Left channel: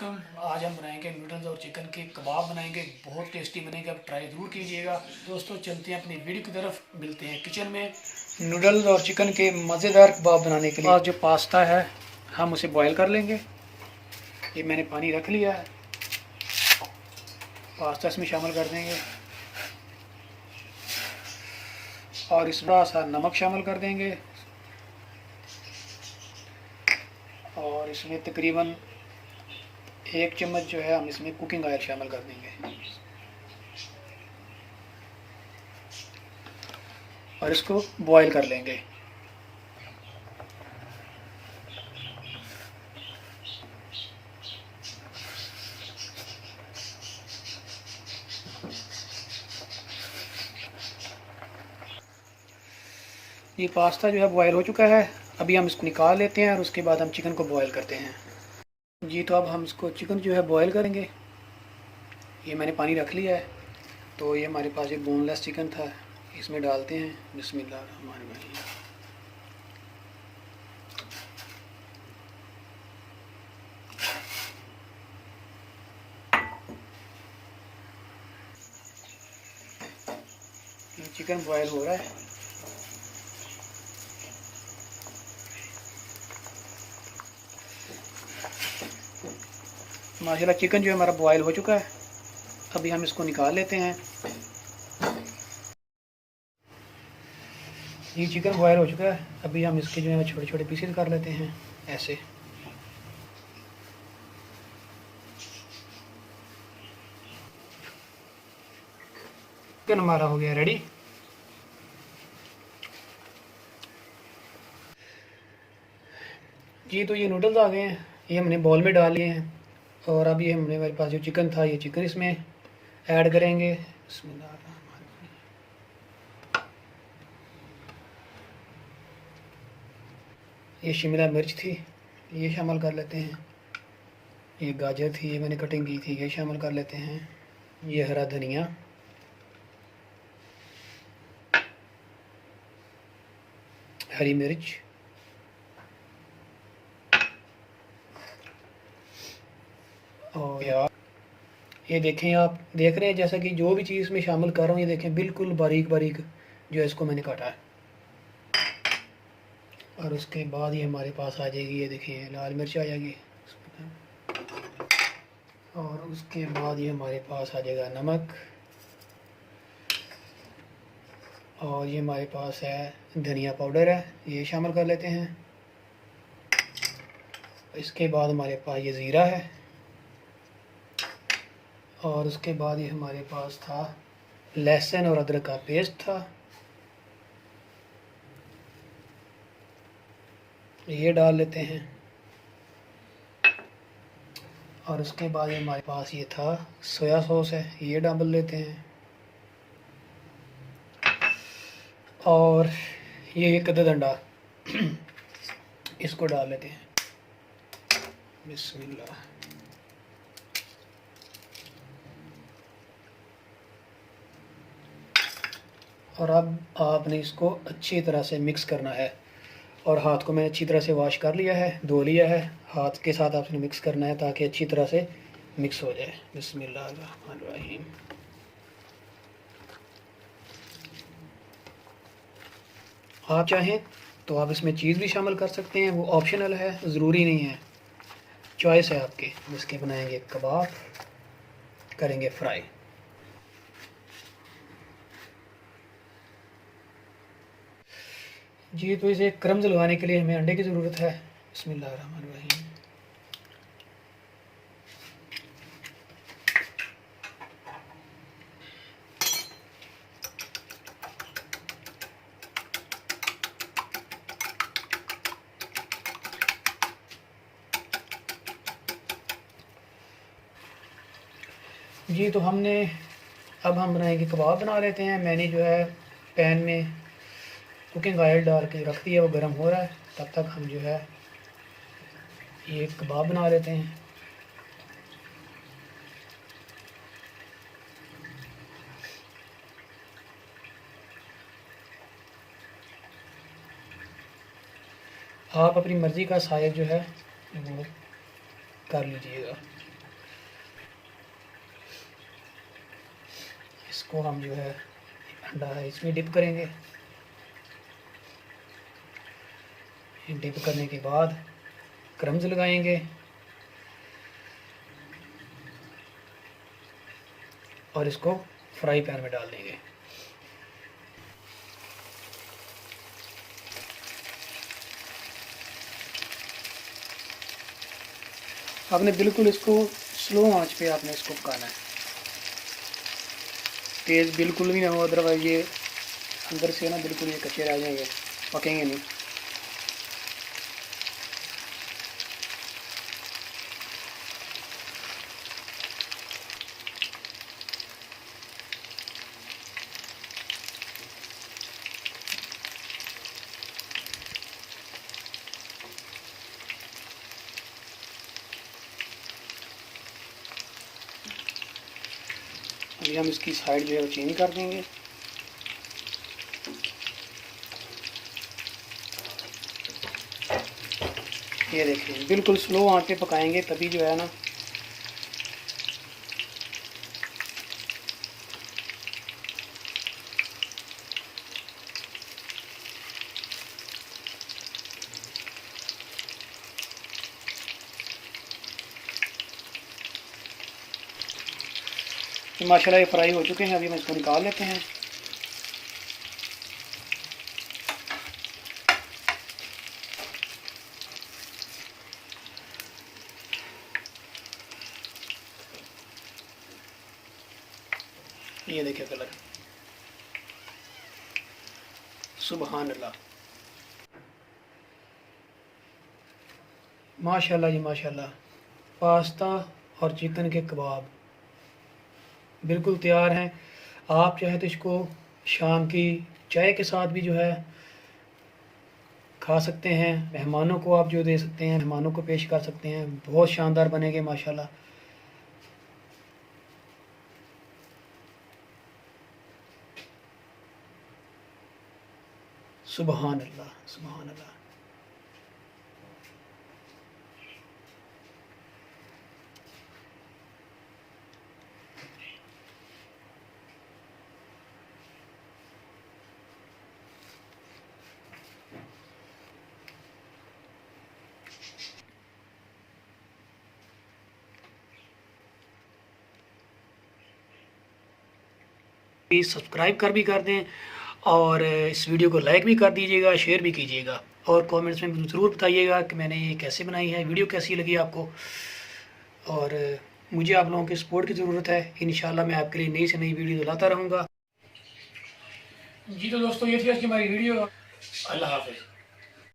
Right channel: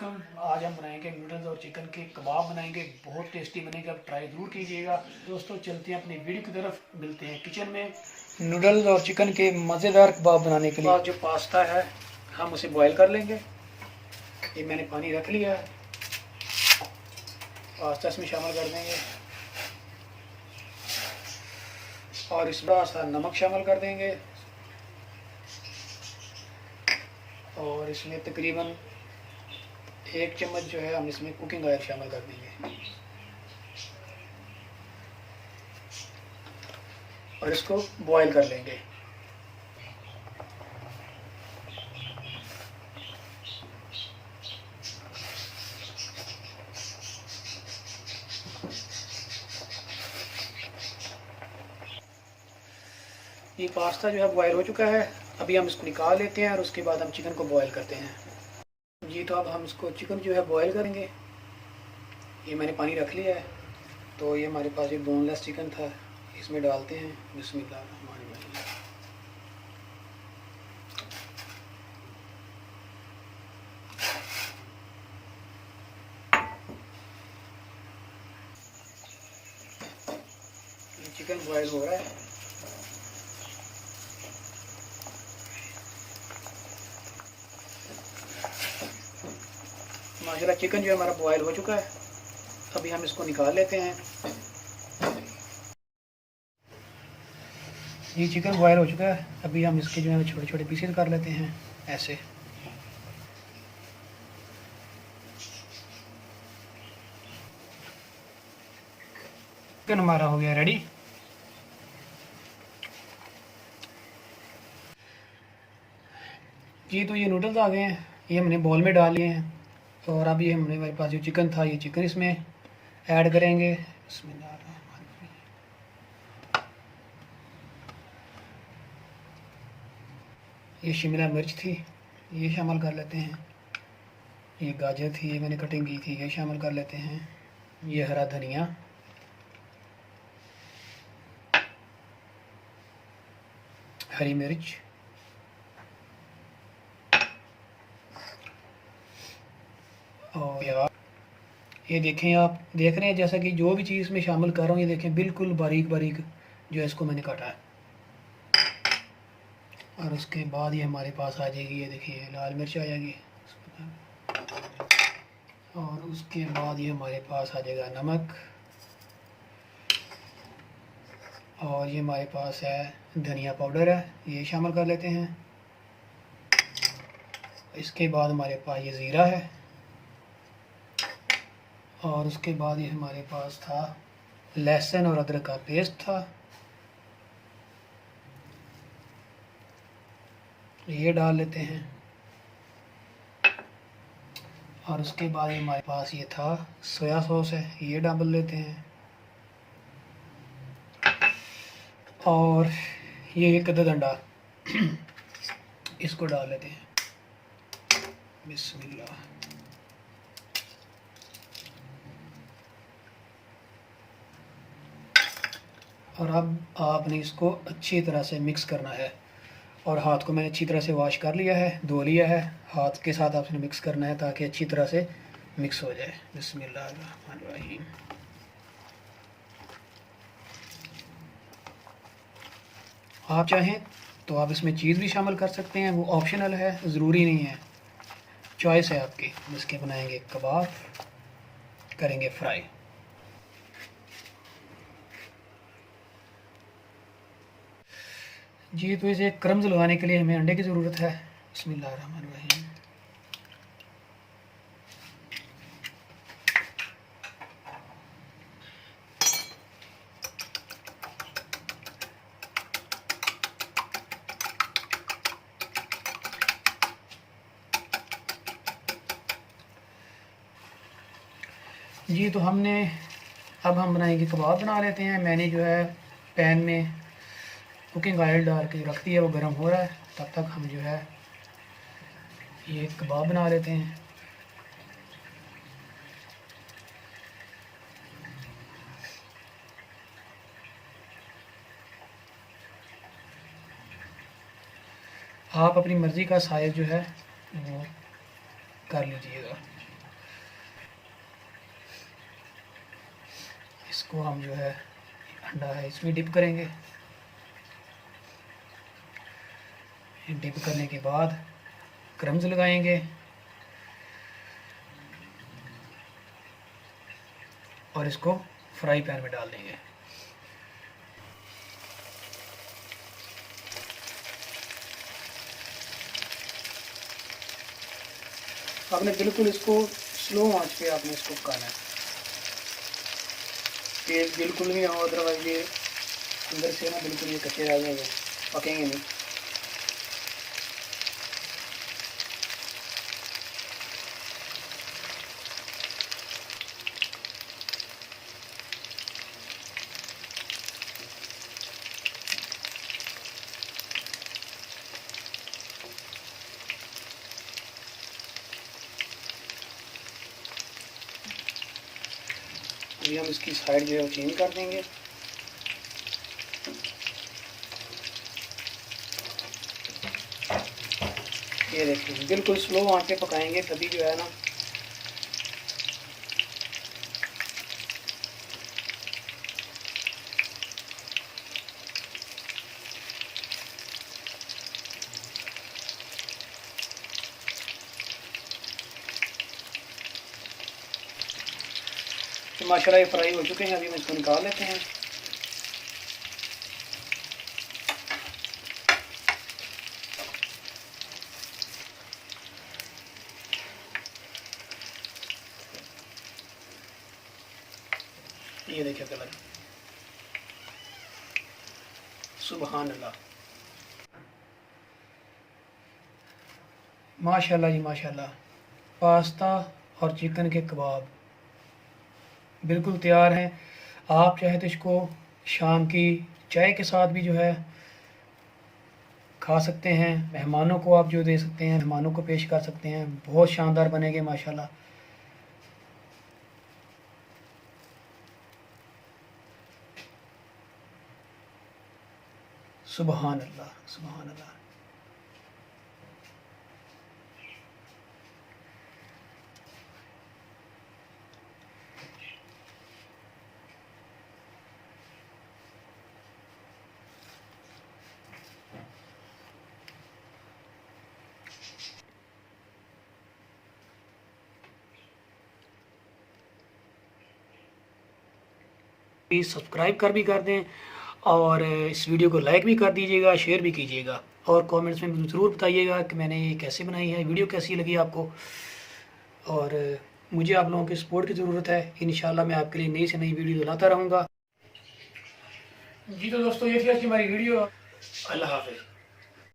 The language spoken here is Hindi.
वेलकम। आज हम बनाएंगे नूडल्स और चिकन के कबाब बनाएंगे, बहुत टेस्टी बनेंगे। आप ट्राई ज़रूर कीजिएगा। दोस्तों चलते हैं अपनी वीडियो की तरफ, मिलते हैं किचन में। नूडल्स और चिकन के मज़ेदार कबाब बनाने के लिए जो पास्ता है हम उसे बॉईल कर लेंगे। ये मैंने पानी रख लिया है, पास्ता इसमें शामिल कर देंगे और इस थोड़ा सा नमक शामिल कर देंगे और इसमें तकरीबन 1 चम्मच जो है हम इसमें कुकिंग ऑयल शामिल कर देंगे और इसको बॉईल कर लेंगे। ये पास्ता जो है बॉयल हो चुका है, अभी हम इसको निकाल लेते हैं और उसके बाद हम चिकन को बॉईल करते हैं। जी तो अब हम इसको चिकन जो है बॉईल करेंगे। ये मैंने पानी रख लिया है, तो ये हमारे पास एक बोनलेस चिकन था, इसमें डालते हैं। बिस्मिल्लाहिर्रहमानिर्रहीम। चिकन बॉयल हो रहा है। माशाल्लाह चिकन जो है हमारा बॉयल हो चुका है, अभी हम इसको निकाल लेते हैं। ये चिकन बॉयल हो चुका है, अभी हम इसके जो है छोटे छोटे पीसेस कर लेते हैं ऐसे। चिकन हमारा हो गया रेडी। जी तो ये नूडल्स आ गए हैं, ये हमने बॉल में डाल लिए हैं और अभी हमने हमारे पास जो चिकन था ये चिकन इसमें ऐड करेंगे। ये शिमला मिर्च थी, ये शामिल कर लेते हैं। ये गाजर थी, ये मैंने कटिंग की थी, ये शामिल कर लेते हैं। ये हरा धनिया, हरी मिर्च, और ये देखें, आप देख रहे हैं जैसा कि जो भी चीज़ मैं शामिल कर रहा हूँ ये देखें बिल्कुल बारीक बारीक जो है इसको मैंने काटा है। और उसके बाद ये हमारे पास आ जाएगी, ये देखिए लाल मिर्च आ जाएगी। और उसके बाद ये हमारे पास आ जाएगा नमक, और ये हमारे पास है धनिया पाउडर है, ये शामिल कर लेते हैं। इसके बाद हमारे पास ये ज़ीरा है और उसके बाद ये हमारे पास था लहसुन और अदरक का पेस्ट था, ये डाल लेते हैं। और उसके बाद हमारे पास ये था सोया सॉस है, ये डाल लेते हैं। और ये एक अदद अंडा इसको डाल लेते हैं। बिस्मिल्लाह। और अब आपने इसको अच्छी तरह से मिक्स करना है, और हाथ को मैंने अच्छी तरह से वॉश कर लिया है, धो लिया है। हाथ के साथ आपने मिक्स करना है ताकि अच्छी तरह से मिक्स हो जाए। बिस्मिल्लाहिर्रहमानिर्रहीम। आप चाहें तो आप इसमें चीज़ भी शामिल कर सकते हैं, वो ऑप्शनल है, ज़रूरी नहीं है, चॉइस है आपकी। इसके बनाएंगे कबाब, करेंगे फ्राई। जी तो इसे क्रम्स लगाने के लिए हमें अंडे की ज़रूरत है। बिस्मिल्लाहिर्रहमानिर्रहीम। जी तो अब हम बनाएंगे कबाब, बना लेते हैं। मैंने जो है पैन में कुकिंग ऑयल डाल के रख दिया, वो गर्म हो रहा है। तब तक हम जो है ये कबाब बना लेते हैं। आप अपनी मर्ज़ी का साइज़ जो है वो कर लीजिएगा। इसको हम जो है अंडा है इसमें डिप करेंगे। डिप करने के बाद क्रम्स लगाएंगे और इसको फ्राई पैन में डाल देंगे। आपने बिल्कुल इसको स्लो आंच पे आपने इसको पकाना है, तेज़ बिल्कुल भी ना हो, अदरवाइज ये अंदर से ना बिल्कुल ये कच्चे रह जाएंगे, पकेंगे नहीं। ये हम इसकी साइड जो है चेंज कर देंगे। ये देखिए बिल्कुल स्लो आंच पे पकाएंगे, तभी जो है ना तो माशाल्लाह ये फ्राई हो चुके हैं। अभी हम इसको निकाल लेते हैं। ये देखिए कलर, सुभान अल्लाह, माशाल्लाह जी माशाल्लाह। पास्ता और चिकन के कबाब बिल्कुल तैयार हैं। आप चाहे तो इसको शाम की चाय के साथ भी जो है खा सकते हैं, मेहमानों को आप जो दे सकते हैं, मेहमानों को पेश कर सकते हैं। बहुत शानदार बनेंगे माशाल्लाह। सुभान अल्लाह, सुभान अल्लाह। प्लीज़ सब्सक्राइब भी कर दें और इस वीडियो को लाइक भी कर दीजिएगा, शेयर भी कीजिएगा और कमेंट्स में ज़रूर बताइएगा कि मैंने ये कैसे बनाई है, वीडियो कैसी लगी आपको। और मुझे आप लोगों की सपोर्ट की ज़रूरत है। इंशाल्लाह मैं आपके लिए नई से नई वीडियो लाता रहूँगा। जी तो दोस्तों ये थी आज की हमारी वीडियो। अल्लाह हाफ़िज़।